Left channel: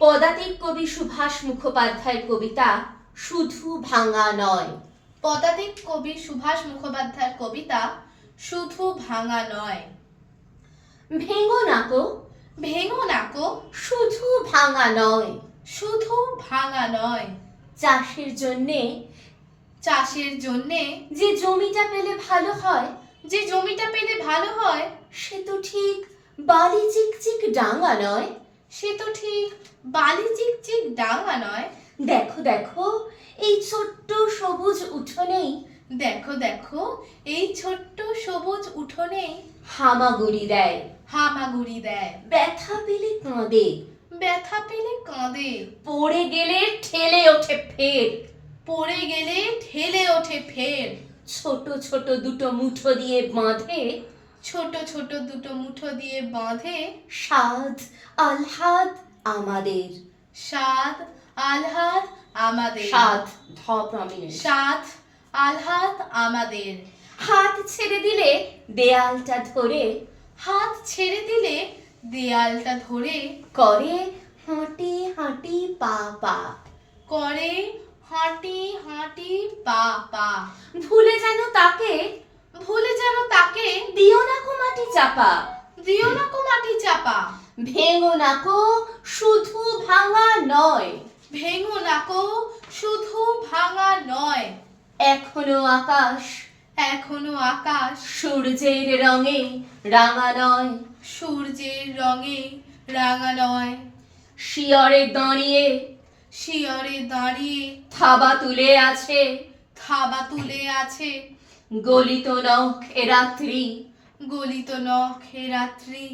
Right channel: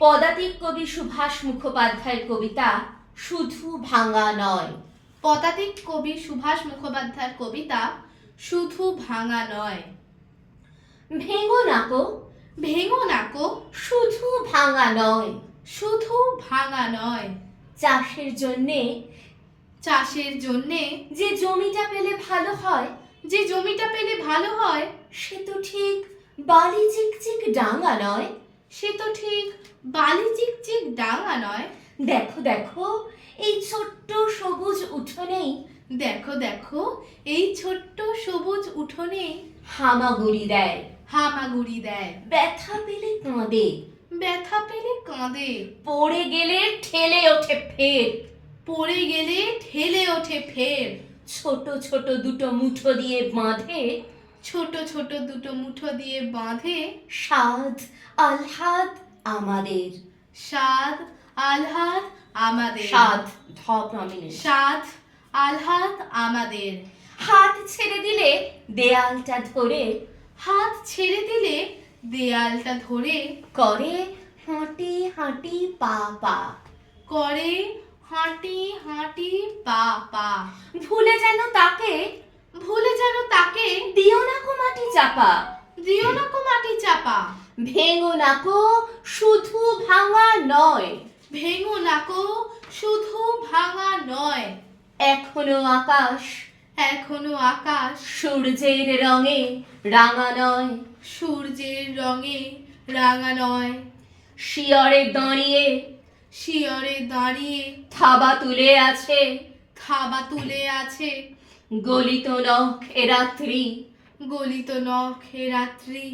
পদাতিক কবি সুভাষ মুখোপাধ্যায়ের কবিতা শুধু ভাঙা নয়। পদাতিক কবি সুভাষ মুখোপাধ্যায়ের কবিতা শুধু ভাঙা নয়। ভেঙো নাকো ভেঙো নাকো শুধু ভাঙা নয়, শুধু ভাঙা নয়। চাষের জন্যে চাষের জন্যে যে জমিটা পেলে ভালো হয়, যে জমিটা পেলে ভালো হয়, সে তো ঠিক বালি চিকচিক ডাঙা নয়। সে তো ঠিক বালি চিকচিক ডাঙা নয়। দেখো দেখো এই ছোট্ট সবুজ উঠোনেই, দেখো দেখো এই ছোট্ট সবুজ উঠোনেই হামাগুড়ি দেয়, হামাগুড়ি দেয়। ব্যথা পেলে কাঁদে, ব্যথা পেলে কাঁদে, পড়ে গেলে ঠেলে ওঠে ফের। পড়ে গেলে ঠেলে ওঠে ফের। ছোট ছোট দুটো মুঠো দিয়ে বাঁধে, ছোট ছোট দুটো মুঠো দিয়ে বাঁধে। স্বাদ আহ্লাদ আমাদের, স্বাদ আহ্লাদ আমাদের। স্বাদ ধ প্রমিনেন্ট। স্বাদ আহ্লাদ আমাদের। হাত ছেড়ে দিলে দেয়ালটা ধরে, হাত ছেড়ে দিলে দেয়ালটা ধরে করে হাঁটি হাঁটি পা পা, করে হাঁটি হাঁটি পা পা। ভুলে যেন তাকে, ভুলে যেন তাকে দিও না কো মাটি চাপা। দিও না কো মাটি চাপা। ভেঙো নাকো শুধু ভাঙা নয়, ভেঙো নাকো শুধু ভাঙা নয়। এখনো আকাশ, এখনো আকাশ সূর্যের রঙে রাঙা নয়। সূর্যের রঙে রাঙা নয়। শিয়রে দাঁড়িয়ে, শিয়রে দাঁড়িয়ে থাবা তুলে আছে, থাবা তুলে আছে। গলিত নখে রাত্রি, গলিত নখে রাত্রি।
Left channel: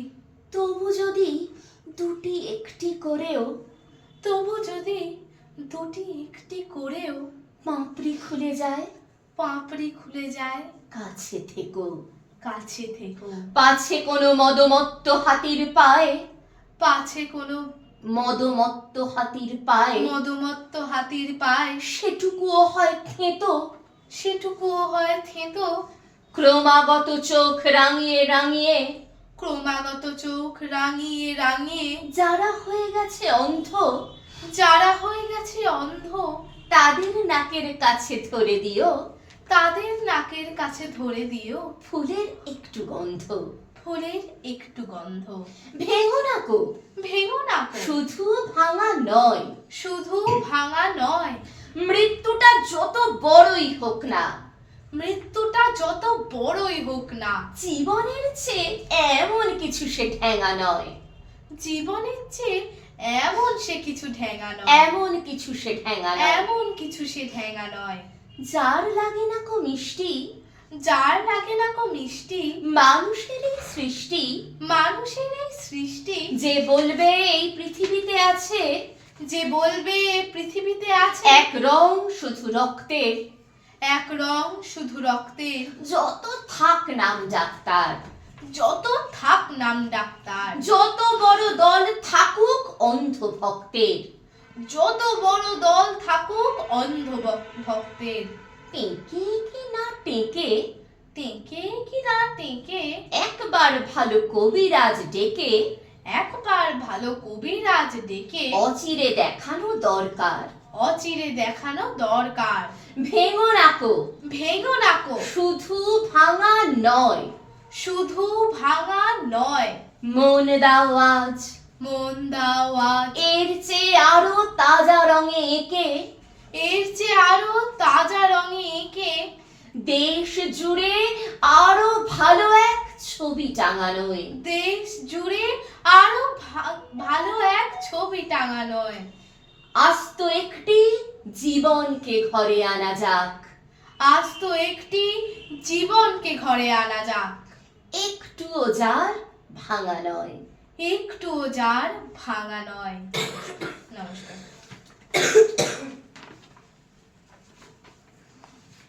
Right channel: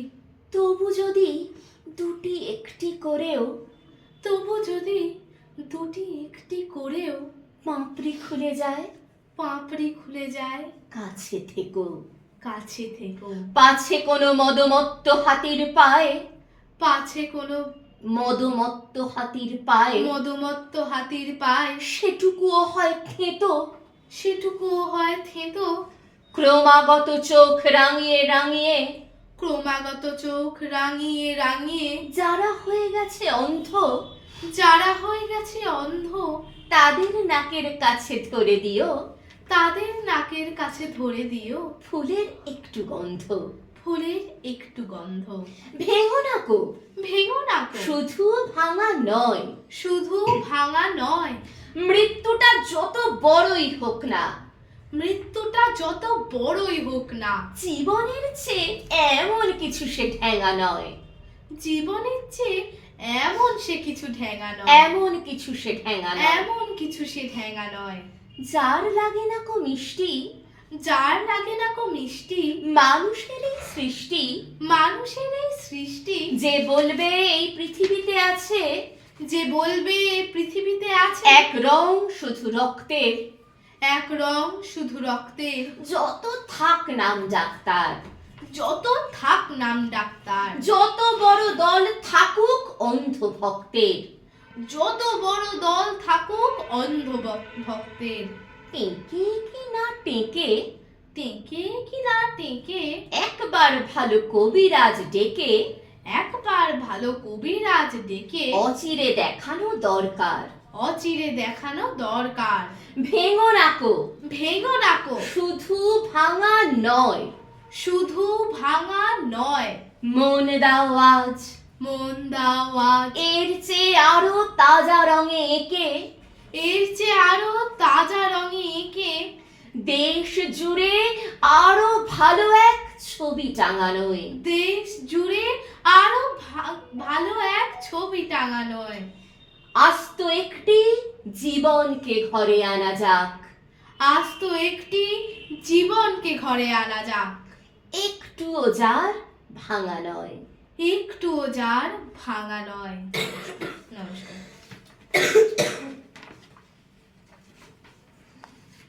তবু যদি দুটি একটি করেও, তবু যদি দুটি একটি করেও পাপড়ি খুলে যায়, পাপড়ি খুলে যায়। কাছে থেকো, কাছে থেকো। পাছে কোনো মদমত্ত হাতির পায়ে, পাছে কোনো মদমত্ত হাতির পায়ে, মধুমত্ত হাতির পায়, সেটুকুও হয় থেঁতো। সেটুকুও হয় থেঁতো। ক্রমাগত চোখ রাঙিয়ে রাঙিয়ে, ক্রমাগত চোখ রাঙিয়ে রাঙিয়ে যারা হয়ে গেছে অন্ধ, যারা হয়ে গেছে অন্ধ, তাদের নাকের কাছে ধরে দিও, তাদের নাকের কাছে ধরে দিও ফুলের একটু গন্ধ। ফুলের একটু গন্ধ। ভেঙো নাকো ভেঙো নাকো শুধু ভাঙা নয়, শুধু ভাঙা নয়। মৃত্যুটা যত বড়ই হোক না, মৃত্যুটা যত বড়ই হোক না, জীবনের চেয়ে এমন কিছু সে ঠেঙা নয়। জীবনের চেয়ে এমন সে কিছু ঠেঙা নয়। এমন কিছু সে ঠেঙা নয়। এমন কিছু সে ঠেঙা নয়। যার লাগে না কো মিষ্টি, যার লাগে না কো মিষ্টি, মানুষের এই সৃষ্টি, মানুষের এই সৃষ্টি, যে বলবে এই পৃথিবীতে আছে যে বলবে এ পৃথিবীতে আছে এক রং শুধু রক্তের, এক রং শুধু রক্তের, যত থাক নাম ডাক্তার, যত থাক নাম ডাক্তার, যত বড় দল থাকুক অন্ধ ভক্তের, যত বড় দল থাকুক অন্ধ ভক্তের, টেকে কি না টেকে, টেকে কি না টেকে, একবার ভালো কবিরাজ ডেকে, একবার ভালো কবিরাজ ডেকে অচিরে দেখানো দরকার। অচিরে দেখানো দরকার। ভেঙো নাকো ভেঙো নাকো শুধু ভাঙা নয়, শুধু ভাঙা নয়। মন দাও আজ মন দাও আজ এর চেয়ে আরো তাজা রঙে এঁকে, এর চেয়ে আরো তাজা রঙে এঁকে, দেশ জুড়ে আরো ভালো এক ছবি টাঙানোয়। দেশ জুড়ে আরো ভালো এক ছবি টাঙানোয়। আস্ত একটি জীবনকে ঘরে আনা যাক, আজ তো একটি জীবনকে ঘরে আনা যাক, একটুও যার ভাঙা নয়। একটুও যার ভাঙা নয়। নমস্কার।